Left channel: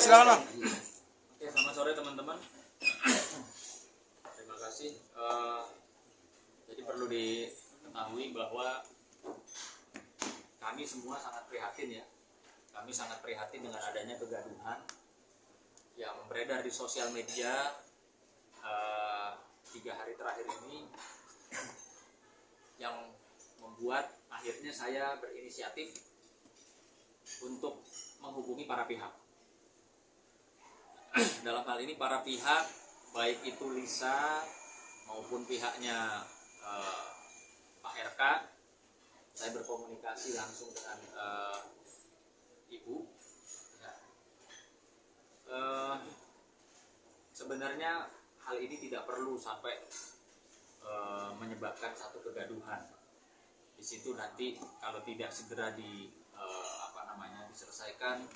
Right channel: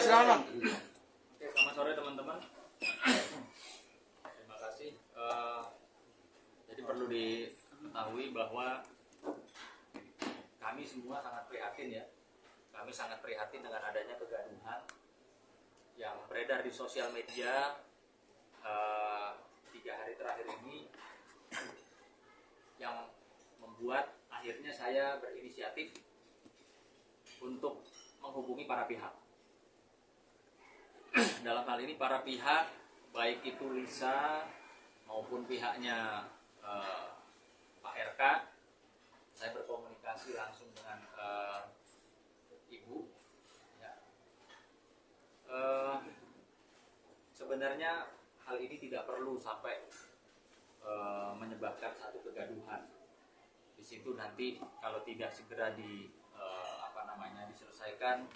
silakan Bang. Oke, selamat sore teman-teman. Terima kasih. Jadi perlu diketahui bahwa kami semua sangat prihatin ya. Kami sangat prihatin dengan adanya kegaduhan yang beredar di sosial media 3 hari terakhir ini, yang membuat akhirnya saya berinisiatif untuk menghubungi para pihak. Dalam hal ini para pihak, baik itu Lisa maupun pihaknya Pak RK, saya berkomunikasi langsung dengan Ibu. Ya. Sebenarnya hal ini tidak perlu sampai menyebabkan satu kegaduhan. Di situ nanti kalau tidak segera diselesaikan,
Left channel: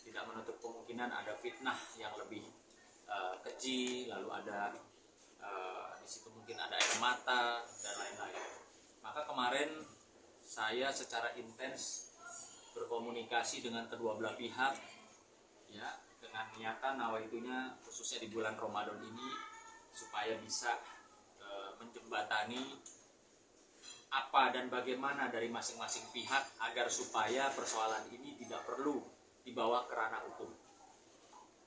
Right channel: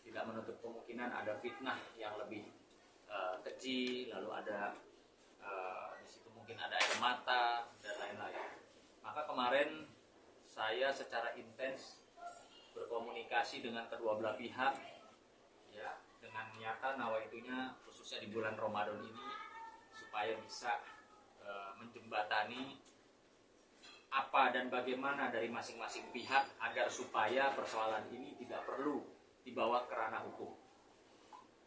tidak menutup kemungkinan ada fitnah yang lebih keji, lalu ada di situ mungkin ada air mata dan lain-lain. Maka kemarin saya secara intens berkomunikasi dengan kedua belah pihak, ya, dengan niatan nawaitunya khususnya di bulan Ramadan ini supaya bisa menjembatani apa dan bagaimana dari masing-masing pihak agar supaya persoalan ini tidak perlu dibawa ke ranah hukum.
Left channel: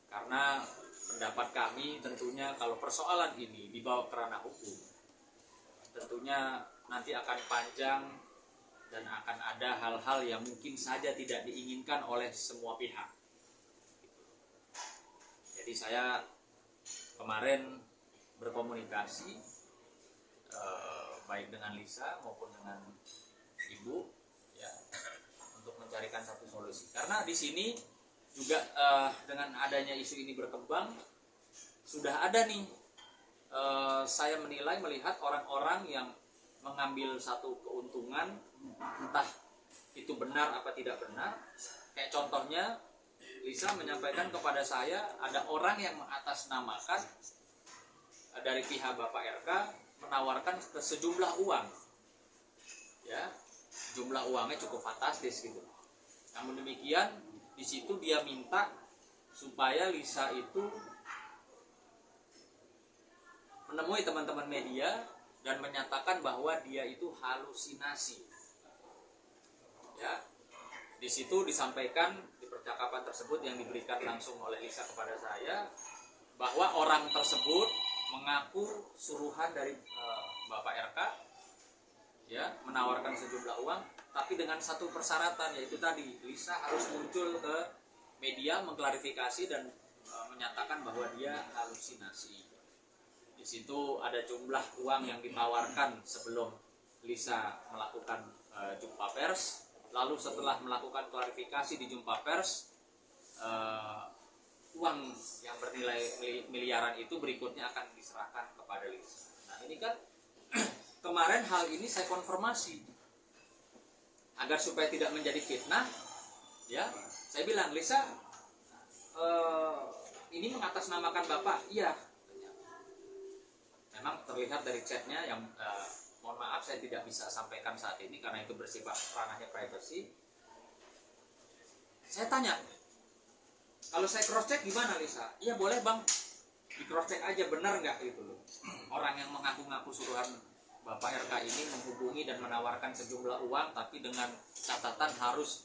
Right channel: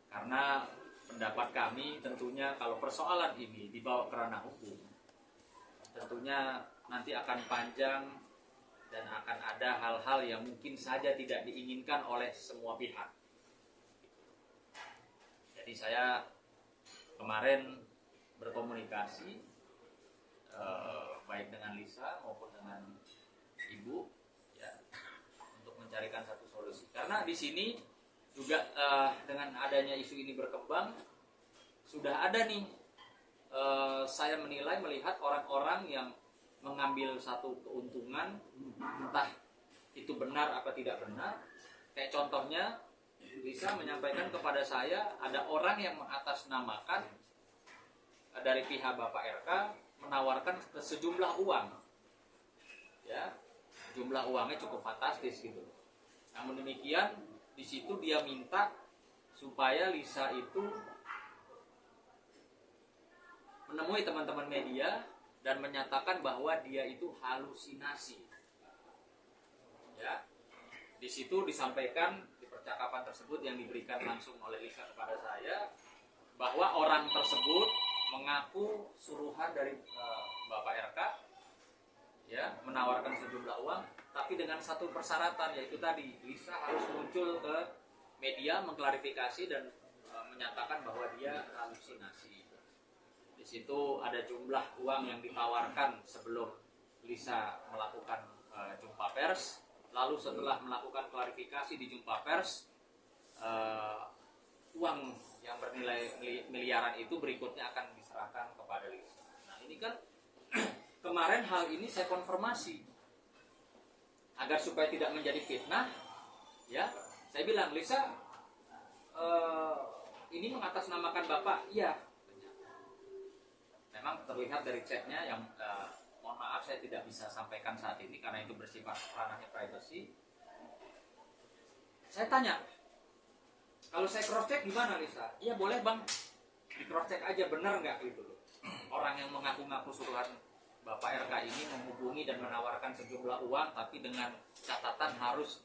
Karena pendapat kami tentunya kalau persoalan ini dibawa ke ranah hukum, tentunya nanti akan panjang dan akan ada hal-hal yang mungkin saja tidak diinginkan oleh semua pihak. Jadi saya kemarin berkomunikasi baik dengan Lisa maupun dengan Ibu, ya, untuk mencarikan satu solusi. Karena di sini juga dengan adanya isu ini berkembang, sudah ada nih saya menilai melihat orang-orang yang mengambil satu keuntungan, entah itu benar apa tidak benar. Kayak contohnya Lisa menyampaikan kepada saya ada orang yang mengatasnamakan dari pihak Bapak RK menawarkan sejumlah uang, ya, jumlah uangnya cukup fantastis gitu. Namun demikian di situ dia minta supaya Lisa itu menemui teman-teman media dan menyatakan bahwa dia itu halusinasi. Ya, di situ disampaikan di percakapan tersebut yang diberikan langsung oleh Lisa kepada saya bahwa orang tersebut mengaku suruhan dari Bapak RK, ya, menawarkan sejumlah uang, tapi dengan satu persyaratan, yaitu tadi Lisa harus muncul ke media mengklarifikasi dan menyatakan bahwa dia halusinasi. Di situ ada jumlah uang yang ditawarkan sebelum Lisa melakukan jumpa pers, lalu setelah melakukan klarifikasi di jumpa pers, uang yang bernilai miliaran itu berikutnya akan diserahkan kepada Lisa. Nah ini kan kemarin hal ini saya konfirmasi agar supaya tidak menjadi fitnah, ya, saya bilang Lisa, ini mengatasnamakan Bapak. Iya, memang terlihat dari chatnya yang mohon maaf saya tidak bisa sampaikan saat ini karena itu bersifat ranahnya privacy. Saya tanya, kalau saya cross check gimana Lisa? Iya boleh bang, di cross check aja benar nggak gitu loh. Orang yang mengaku-ngaku suruhan Bapak RK ini menghubungi dan menawarkan sejumlah uang, tapi dengan catatan harus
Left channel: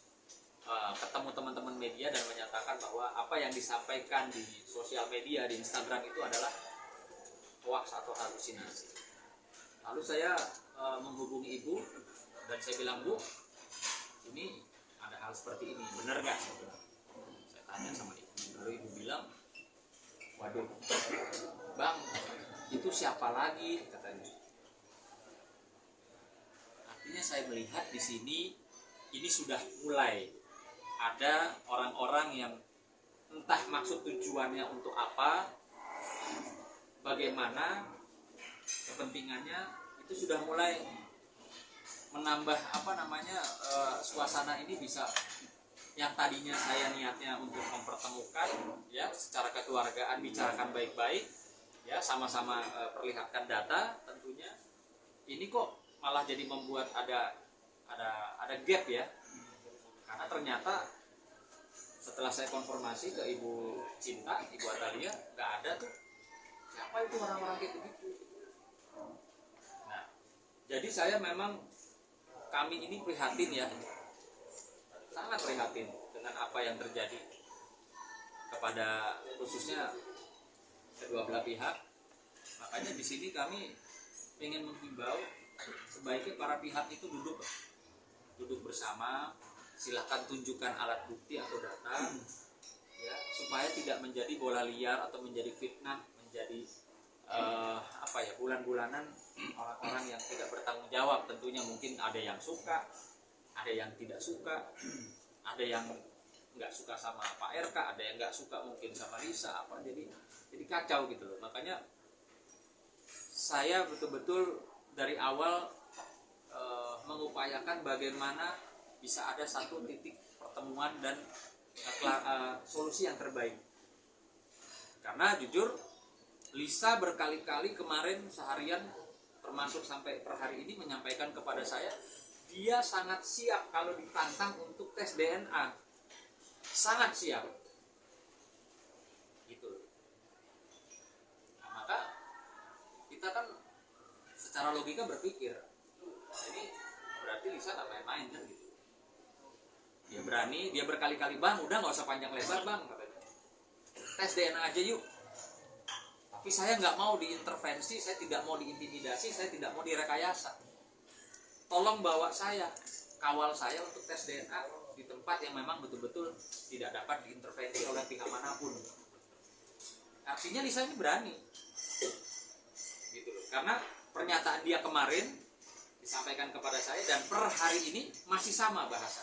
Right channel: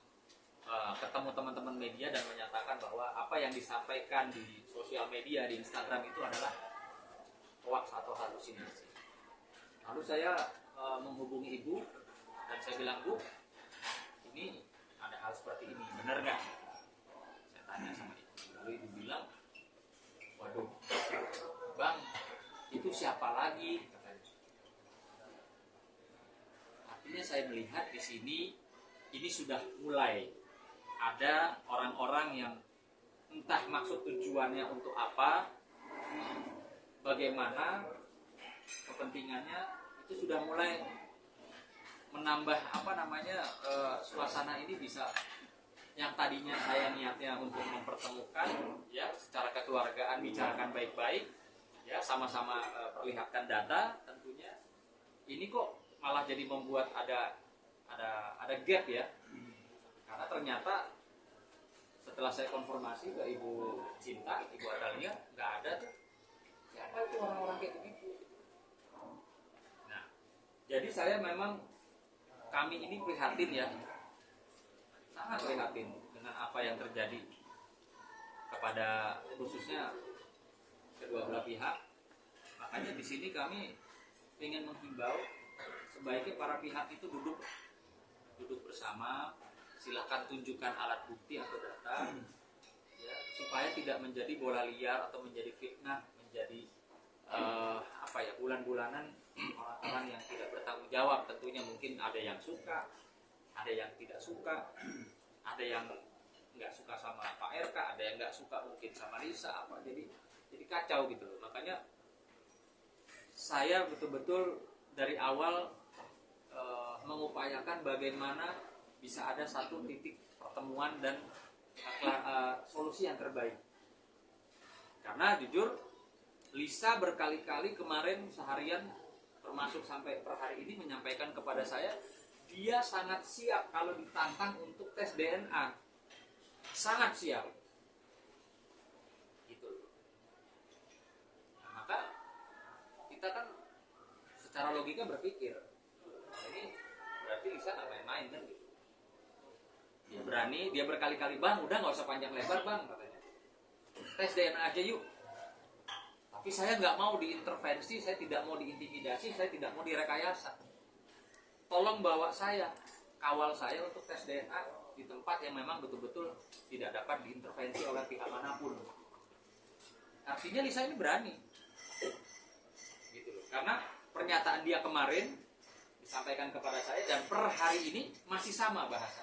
ketemu teman-teman media dan menyatakan bahwa apa yang disampaikan di sosial media, di Instagram itu adalah hoax atau halusinasi. Lalu saya menghubungi Ibu dan saya bilang, Bu, ini ada hal seperti ini, benar nggak? Saya tanya sama Ibu. Lalu Ibu bilang, waduh, Bang, itu siapa lagi? Katanya. Artinya saya melihat di sini ini sudah mulai ada orang-orang yang entah maksud tujuannya untuk apa, bagaimana kepentingannya, itu sudah mulai menambah suasana ini bisa yang tadinya saya niatnya untuk mempertemukan, ya, secara kekeluargaan, bicarakan baik-baik, ya, sama-sama perlihatkan data tentunya, ini kok malah jadi membuat ada gap, ya, karena ternyata setelah saya konfirmasi ke Ibu Cinta, Ibu Atalia, nggak ada tuh. Siapa itu orang-orang kayak begitu? Nah, jadi saya memang, kami ini prihatin ya, sangat prihatin dengan apa yang terjadi kepada khususnya kedua belah pihak. Makanya di sini kami ingin menghimbau sebaiknya para pihak itu duduk bersama, silahkan tunjukkan alat bukti atau data, ya, supaya tidak menjadi bola liar atau menjadi fitnah, menjadi bulan-bulanan orang-orang yang tidak bertanggung jawab. Tentunya mungkin ada yang suka, ada yang tidak suka, ada yang nggak suka sama Pak RK, ada yang nggak suka mungkin sama Lisa, jadi kacau gitu loh. Makanya saya betul-betul dari awal mengupayakan bagaimana bisa ada satu titik pertemuan dan solusi yang terbaik. Karena jujur, Lisa berkali-kali kemarin seharian termasuk sampai per hari ini menyampaikan kepada saya, dia sangat siap kalau ditantang untuk tes DNA. Sangat siap. Gitu. Nah, maka kita kan secara logika berpikir, ini berarti Lisa nggak main-main kan gitu. Dia berani, dia berkali-kali, bang udah nggak usah panjang lebar bang, katanya, tes DNA aja yuk. Tapi saya nggak mau diintervensi, saya tidak mau diintimidasi, saya tidak mau direkayasa. Tolong bawa saya, kawal saya untuk tes DNA di tempat yang memang betul-betul tidak dapat diintervensi oleh pihak manapun. Artinya Lisa ini berani, gitu loh. Karena pernyataan dia kemarin disampaikan kepada saya dan per hari ini masih sama bahasa.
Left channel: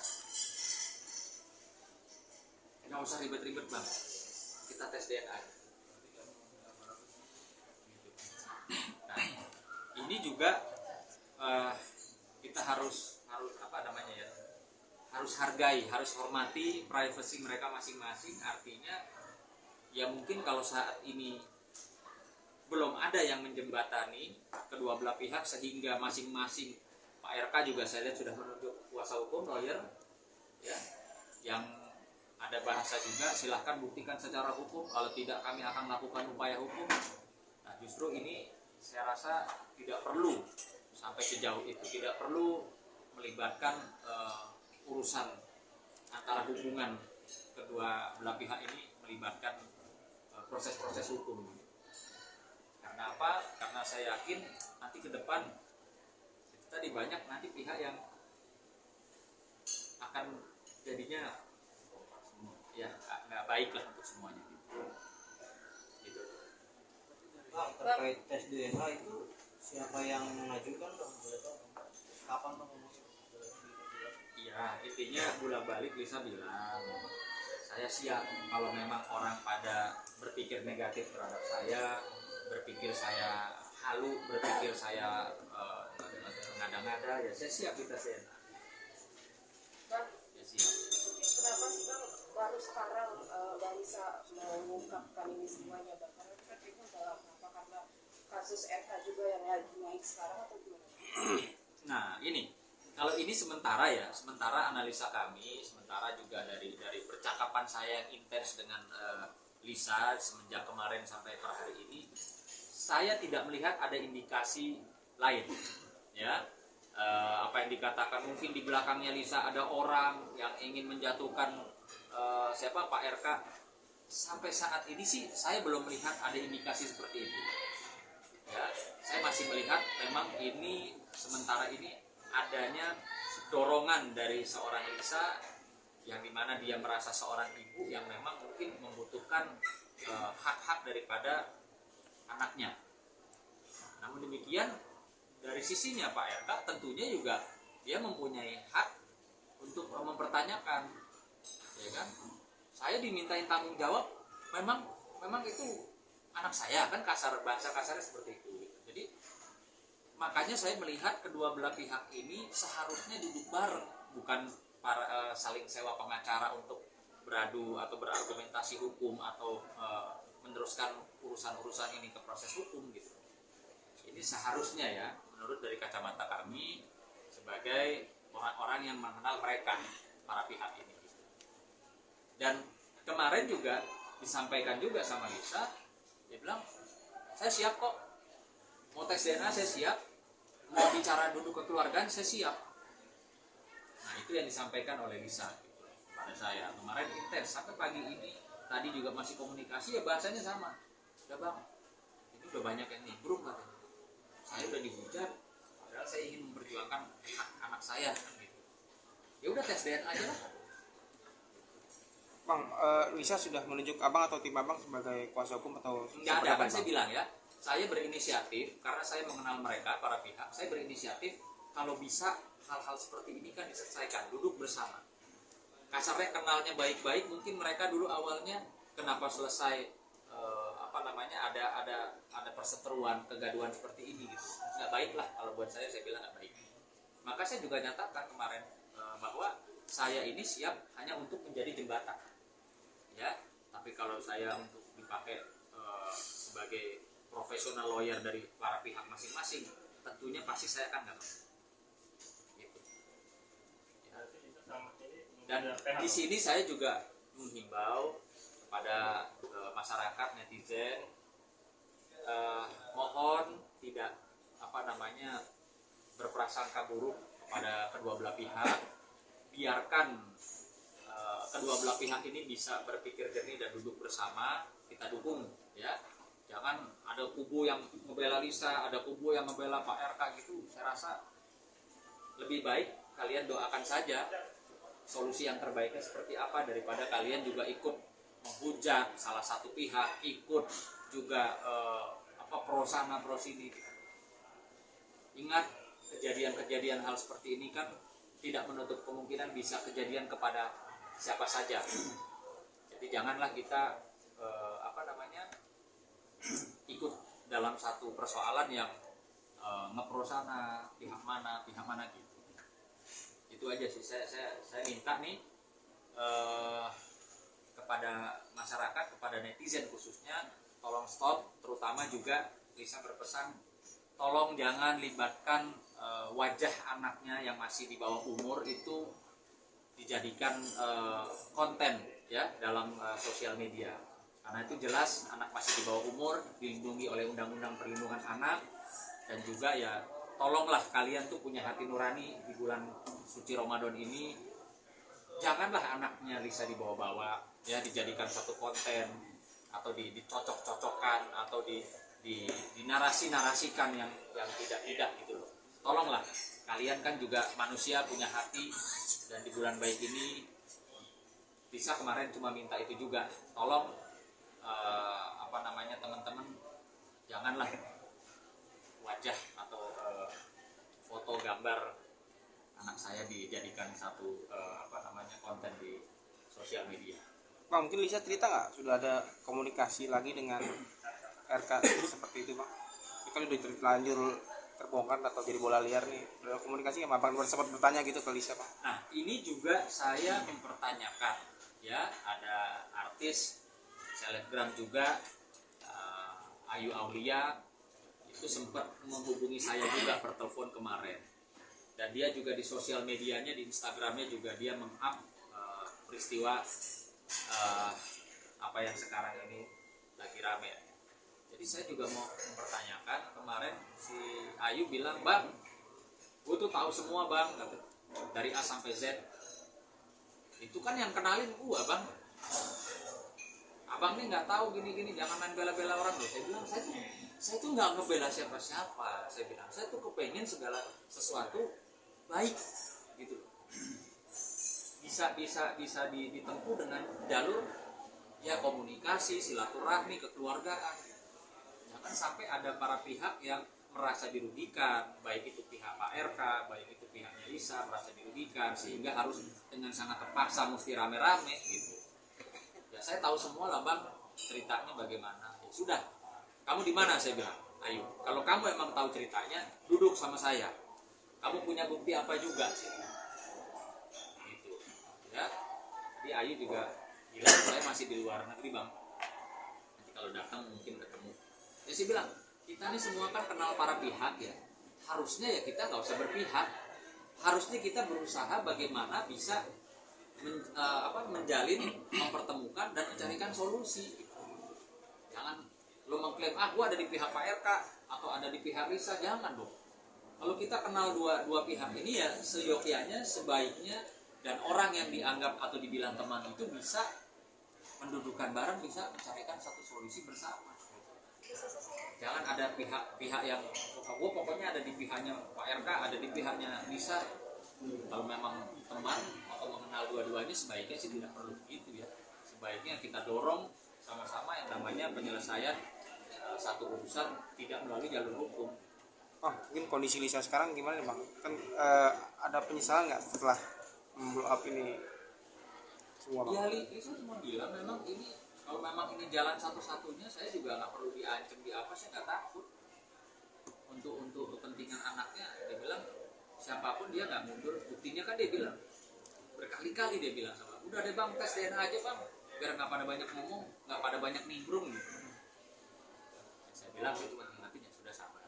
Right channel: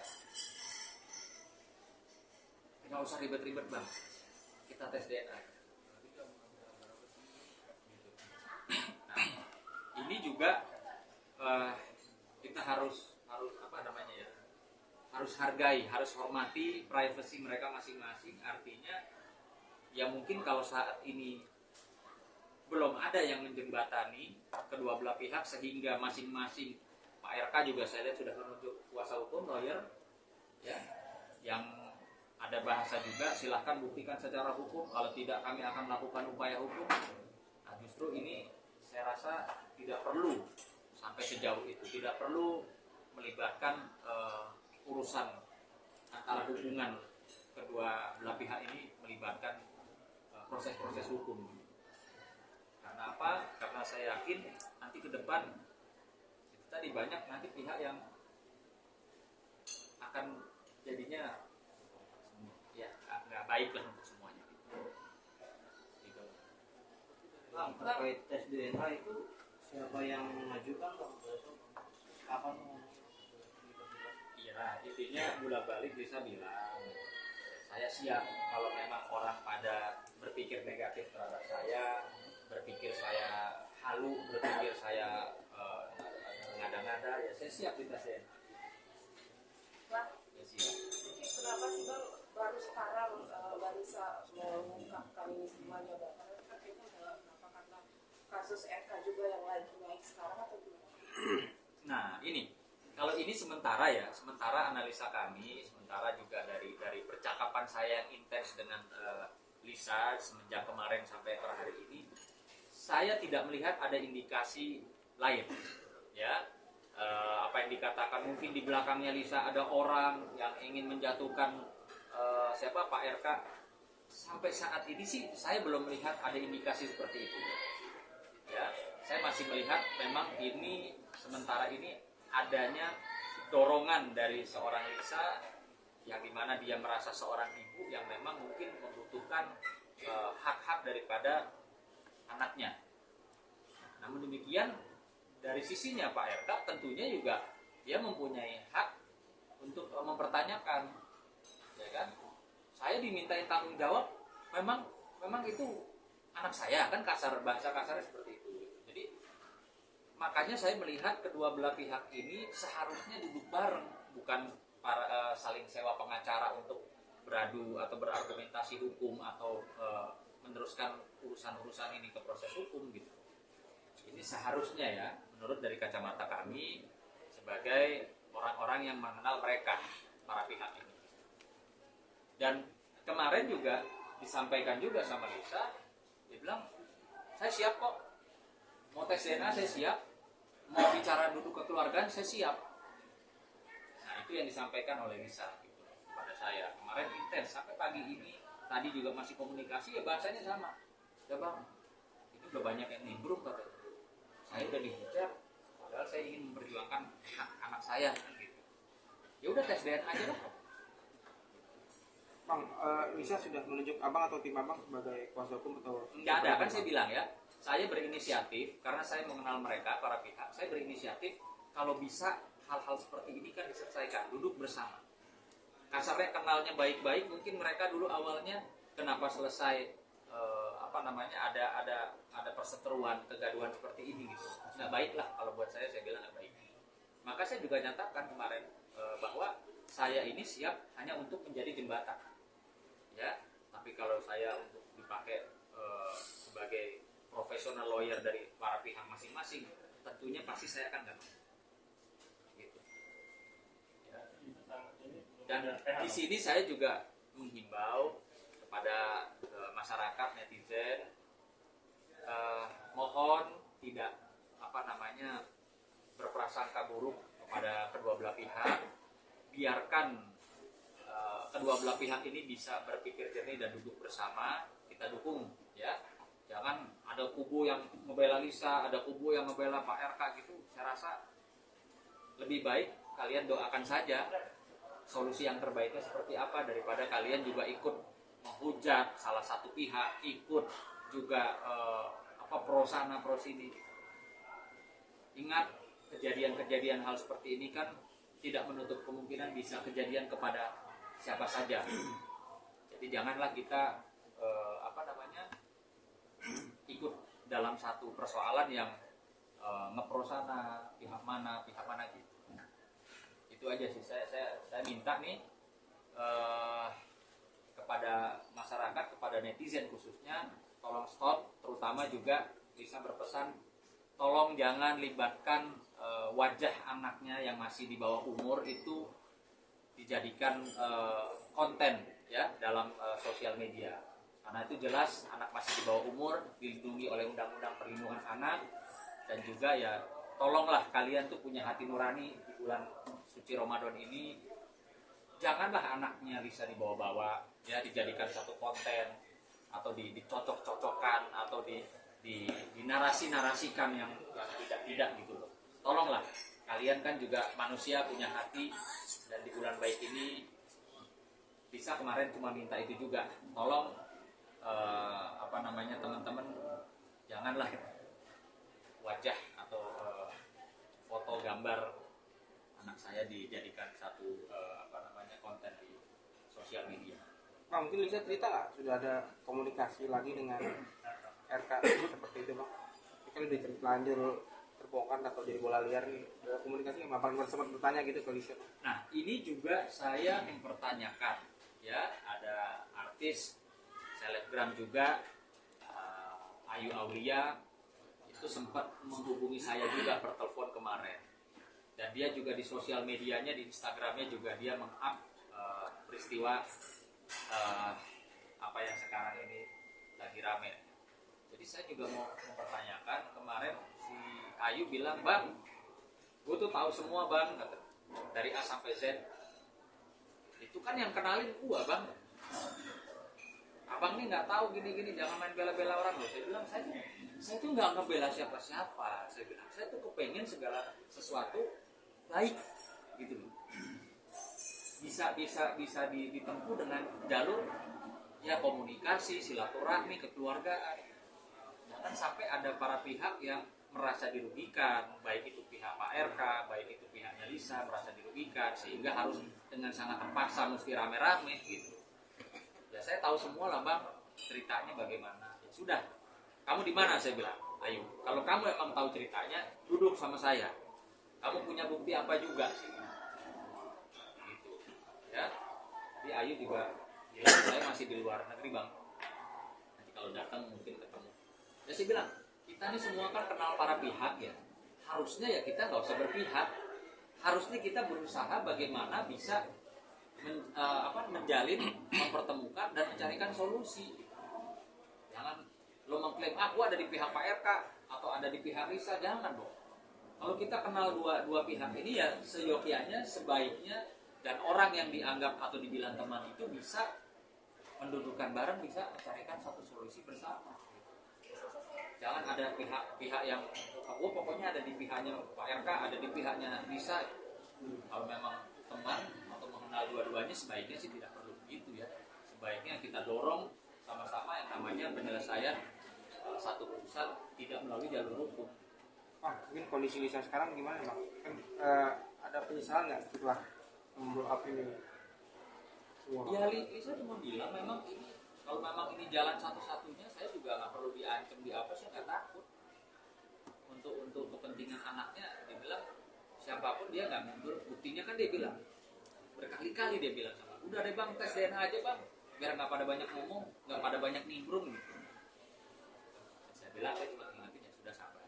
Nggak usah ribet-ribet bang, kita tes DNA. Nah, ini juga kita harus harus hargai, harus hormati privasi mereka masing-masing. Artinya ya mungkin kalau saat ini belum ada yang menjembatani kedua belah pihak sehingga masing-masing, Pak RK juga saya lihat sudah menunjuk kuasa hukum, lawyer, ya, yang ada bahasa juga, silahkan buktikan secara hukum, kalau tidak kami akan lakukan upaya hukum. Nah justru ini saya rasa tidak perlu sampai sejauh itu, tidak perlu melibatkan urusan antara hubungan kedua belah pihak ini, melibatkan proses-proses hukum. Karena apa? Karena saya yakin nanti ke depan itu tadi banyak nanti pihak yang akan jadinya ya nggak baik lah untuk semuanya gitu. Terkait tes DNA itu siapa yang mengajukan bang? Kapan bang? Iya, intinya bolak-balik Lisa bilang, saya siap kalau memang orang pada berpikir negatif terhadap saya, berpikir saya halu, berpikir saya ngada-ngada, ya saya siap dites DNA. Bang, Ya siap. kenapa sih bang baru sekarang Bang Lisa mengungkapkan ini semuanya bang? Karena kan kayaknya udah lama, apa karena kasus RK juga yang lagi naik sekarang atau gimana? Nah ini, kalau ini sementara ya, sementara analisa kami, sementara juga dari percakapan saya yang intens dengan Lisa semenjak kemarin sampai per hari ini, saya tidak melihat ada indikasi lain, ya. Apa yang dikatakan mungkin di belakangnya Lisa ada orang yang ingin menjatuhkan siapa Pak RK, sampai saat ini sih saya belum melihat ada indikasi seperti itu, ya. Saya masih melihat memang ini sementara ini adanya dorongan dari seorang Lisa yang dimana dia merasa seorang ibu yang memang mungkin membutuhkan hak-hak daripada anaknya. Namun demikian dari sisinya Pak RK tentunya juga dia mempunyai hak untuk mempertanyakan, ya kan? Saya dimintain tanggung jawab, memang itu anak saya, kan bahasa kasarnya seperti itu. Jadi makanya saya melihat kedua belah pihak ini seharusnya duduk bareng, bukan saling sewa pengacara untuk beradu atau berargumentasi hukum atau meneruskan urusan-urusan ini ke proses hukum gitu. Ini seharusnya ya, menurut dari kacamata kami sebagai orang-orang yang mengenal mereka, para pihak ini. Dan kemarin juga disampaikan juga sama Lisa, dia bilang saya siap kok, mau tes DNA saya siap, mau bicara duduk kekeluargaan saya siap. Nah itu yang disampaikan oleh Lisa gitu, pada saya kemarin intens sampai pagi ini. Tadi juga masih komunikasi ya, bahasanya sama. Udah bang, ini udah banyak yang nimbrung katanya. Saya udah dihujat, padahal saya ingin memperjuangkan hak anak saya gitu. Ya udah tes DNA aja lah. Bang, Lisa sudah menunjuk abang atau tim abang sebagai kuasa hukum atau Nggak ada, kan saya bilang ya, saya berinisiatif karena saya mengenal mereka, para pihak. Saya berinisiatif kalau bisa hal-hal seperti ini kan diselesaikan, duduk bersama. Kasarnya kenalnya baik-baik, mungkin mereka dulu awalnya kenapa selesai ada perseteruan, kegaduhan seperti ini gitu. Nggak baik lah kalau buat saya bilang nggak baik. Maka saya juga nyatakan kemarin bahwa saya ini siap hanya untuk menjadi jembatan. Ya, tapi kalau saya untuk dipakai sebagai profesional lawyer dari para pihak masing-masing, tentunya pasti saya akan nggak mau. Gitu. Ya. Dan di sini saya juga menghimbau kepada masyarakat, netizen, mohon tidak berprasangka buruk kepada kedua belah pihak. Biarkan kedua belah pihak ini bisa berpikir jernih dan duduk bersama, kita dukung ya. Jangan ada kubu yang membela Lisa, ada kubu yang membela Pak RK gitu. Saya rasa lebih baik kalian doakan saja solusi yang terbaiknya seperti apa, daripada kalian juga ikut menghujat salah satu pihak, ikut juga pro sana pro sini. Ingat, kejadian-kejadian hal seperti ini kan tidak menutup kemungkinan bisa kejadian kepada siapa saja. Jadi janganlah kita ikut dalam satu persoalan yang ngepro sana pihak mana gitu. Itu aja sih saya minta nih kepada masyarakat, kepada netizen khususnya, tolong stop. Terutama juga Lisa berpesan, tolong jangan libatkan wajah anaknya yang masih di bawah umur itu dijadikan konten ya dalam sosial media, karena itu jelas anak masih di bawah umur, dilindungi oleh Undang-Undang Perlindungan Anak. Dan juga ya tolonglah kalian tuh punya hati nurani di bulan suci Ramadan ini, janganlah anaknya Lisa dibawa-bawa ya, dijadikan satu konten atau dicocok-cocokkan atau dinarasi-narasikan yang tidak gitu loh. Tolonglah, kalian kan juga manusia punya hati, dan di bulan baik ini Lisa kemarin cuma minta itu juga, tolong teman-teman janganlah wajah atau foto gambar anak saya dijadikan satu konten di sosial media. Bang, mungkin Lisa cerita nggak sudah ada komunikasi lagi dengan RK seperti itu bang? Ini kan udah terlanjur terbongkar atau jadi bola liar nih, udah komunikasi nggak? Bang sempat bertanya gitu ke Lisa bang. Nah ini juga saya mempertanyakan ya, ada artis selebgram juga Ayu Aulia itu sempat menghubungi saya juga per telepon kemarin, dan dia juga di sosial medianya, di Instagramnya juga dia meng-up peristiwa apa yang sekarang ini lagi rame. Jadi saya juga mau mempertanyakan, kemarin si Ayu bilang, bang, gue tuh tahu semua bang, dari A sampai Z. Itu kan yang kenalin gue bang. Abang nih nggak tahu gini-gini, jangan main bela-bela orang loh. Saya bilang, saya tuh nggak ngebela siapa-siapa. Saya bilang, saya tuh kepengen segala sesuatu baik gitu loh. Bisa ditempuh dengan jalur ya komunikasi, silaturahmi, kekeluargaan. Jangan sampai ada para pihak yang merasa dirugikan, baik itu pihak Pak RK, baik itu pihaknya Lisa merasa dirugikan, sehingga harus dengan sangat terpaksa mesti rame-rame gitu. Ya saya tahu semua lah bang, ceritanya bagaimana. Ya, sudah, kamu di mana? Saya bilang, Ayu, kalau kamu emang tahu ceritanya, duduk sama saya. Kamu punya bukti apa juga sih? Gitu. Ya. Jadi Ayu juga bilang, saya masih di luar negeri bang. Nanti kalau datang mungkin ketemu. Ya saya bilang, kita ini semua kan kenal para pihak ya. Harusnya ya kita nggak usah berpihak. Harusnya kita berusaha bagaimana bisa menjalin, mempertemukan dan mencarikan solusi. Jangan lo mengklaim aku ada di pihak Pak RK atau ada di pihak Risa, jangan dong. Kalau kita kenal dua pihak ini ya seyogyanya, sebaiknya, dan orang yang dianggap atau dibilang teman itu bisa mendudukan bareng, bisa mencarikan satu solusi bersama. Jangan ada pihak yang gue pokoknya ada di pihaknya Pak RK, ada di pihaknya Risa. Kalau memang teman atau mengenal dua-duanya, sebaiknya sih tidak perlu begitu ya. Sebaiknya kita dorong sama-sama yang namanya penyelesaian satu urusan tidak melalui jalur hukum. Mungkin kondisi Lisa sekarang gimana bang? Kan ada penyesalan nggak setelah blow up ini semua? Ya Lisa cuma bilang memang ini kalau memang ini jalan satu-satunya, saya juga nggak perlu diancam di apa, saya nggak takut. Untuk kepentingan anaknya, dia bilang siapapun dia nggak mundur. Buktinya kan dia bilang berkali-kali dia bilang sama, udah deh bang tes DNA aja bang, biar nggak pada banyak ngomong, nggak pada banyak nimbrung gitu. Saya bilang saya cuma ingatin ya sudah sabar.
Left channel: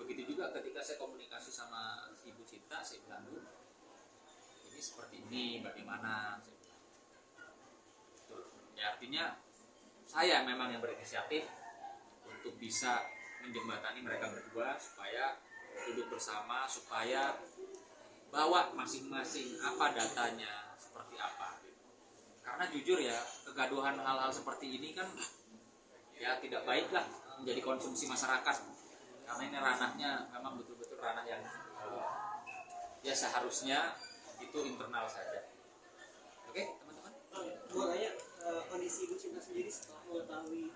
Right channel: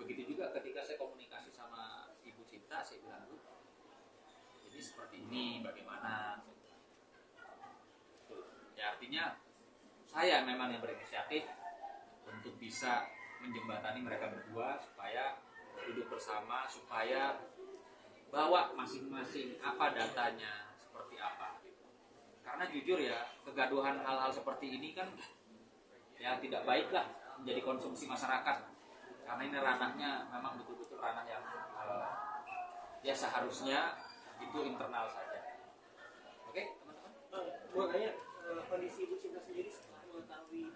Begitu juga ketika saya komunikasi sama Ibu Cinta, saya bilang Bu, ini seperti ini bagaimana? Saya bilang. Tuh. Ya artinya saya memang yang berinisiatif untuk bisa menjembatani mereka berdua supaya duduk bersama, supaya bawa masing-masing apa datanya seperti apa gitu. Karena jujur ya, kegaduhan hal-hal seperti ini kan ya tidak baiklah menjadi konsumsi masyarakat. Karena ini ranahnya memang betul-betul ranah yang ya seharusnya itu internal saja. Oke, teman-teman. Mau tanya kondisi Ibu Cinta sendiri setelah mengetahui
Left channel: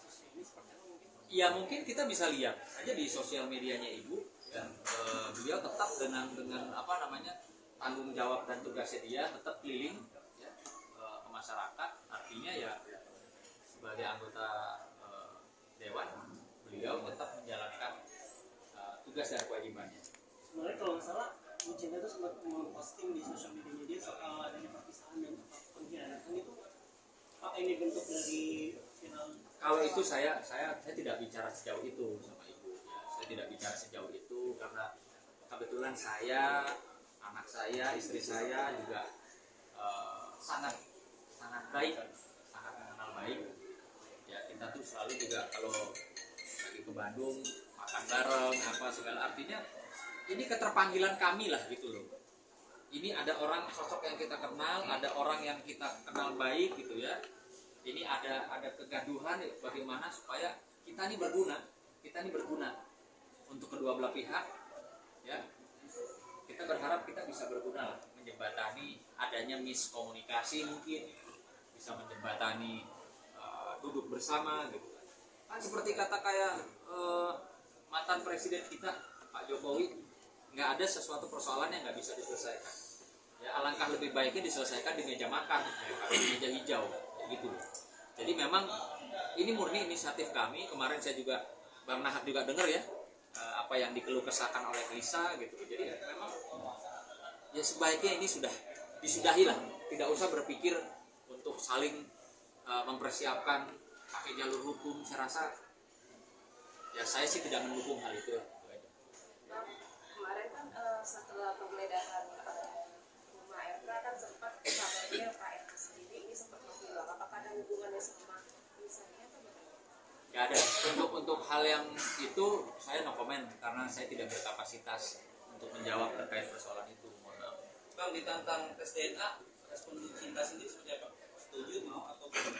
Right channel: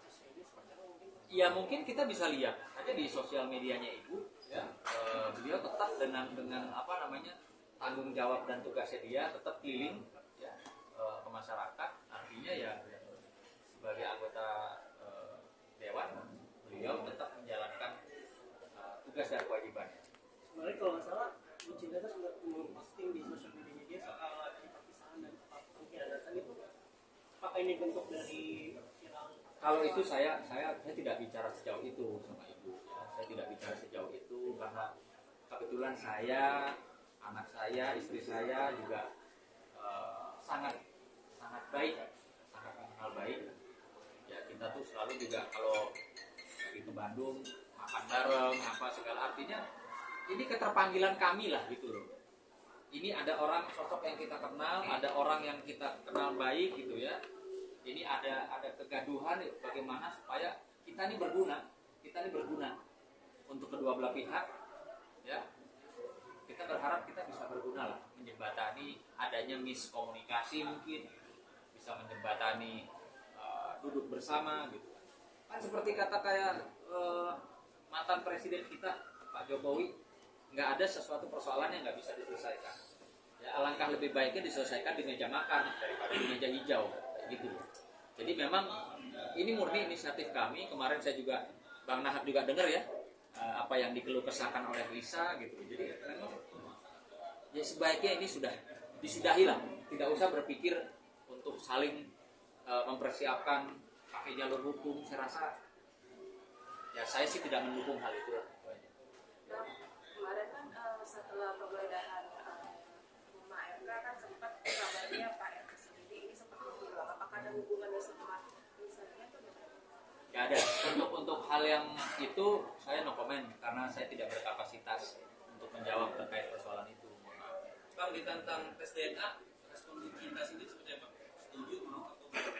kasus ini seperti apa mungkin? Ya mungkin kita bisa lihat aja di sosial medianya Ibu. Ya, beliau tetap dengan apa namanya tanggung jawab dan tugasnya dia tetap keliling ya, ke masyarakat. Artinya ya sebagai anggota dewan, beliau tetap menjalankan tugas dan kewajibannya. Sebenarnya kalau nggak salah Bu Cinta itu sempat memposting di sosial media dia soal adanya perpisahan dan pengkhianatan itu, apakah ini bentuk dari viral? Kalau itu saya tidak bicara sejauh itu sama Ibu ya. Saya tidak bicara sejauh itu karena kebetulan saya, anak saya, istri saya juga sangat baik, sangat mengenal baik. Ya kita tuh selalu juga kalau lagi ke Bandung makan bareng apa segala, artinya ini keterpanggilan kami lah gitu loh. Ini ada orang sosok yang kita kenal, ada orang yang kita kenal baik gitu ya. Ini ada kegaduhan bagaimana supaya kita ini berguna untuk kedua belah pihak ya. Kita berharap kita bisa berguna lah, menjembatani adanya miskomunikasi, mungkin bisa menjembatani duduk bersama gitu kan seperti kata kayak mantan presiden kita Pak Jokowi, nggak ada sesuatu persoalan yang nggak bisa diselesaikan ya. Alangkah lebih baiknya diselesaikan di meja makan daripada di meja hijau gitu. Jadi memang ini murni inisiatif kami. Kemarin saya juga Bang Nahak juga dengar ya apa yang dikeluh kesahkan oleh Lisa gitu. Jadi memang ya sebaiknya ini sudah disudahi lah, tidak usah berpikir untuk saling mempersiapkan pakai jalur hukum. Saya rasa ya saya sih tidak mendukung hal itu lah. Nah, kemarin kan setelah penggeledahan rumah RK kan sempat kabarnya Pak RK sendiri ini seperti hilang. Apakah ada hubungannya sama misalnya atau bagaimana? Gak ada. Untuk hal yang itu saya no comment karena saya tidak berkapasitas untuk menjawab terkait persoalan itu. Mohon maaf. Bang, ditantang tes DNA, respon Bu Cinta sendiri seperti apa? Setuju, mau atau tidak?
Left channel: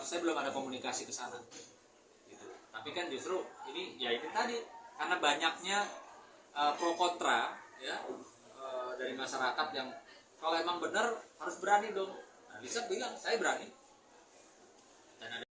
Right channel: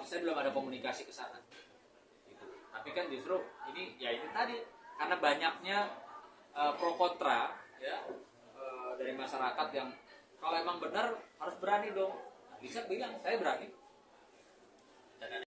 Saya belum ada komunikasi ke sana. Gitu. Tapi kan justru ini ya ini tadi karena banyaknya pro kontra ya dari masyarakat yang kalau emang benar harus berani dong. Nah, Lisa bilang saya berani. Dan ada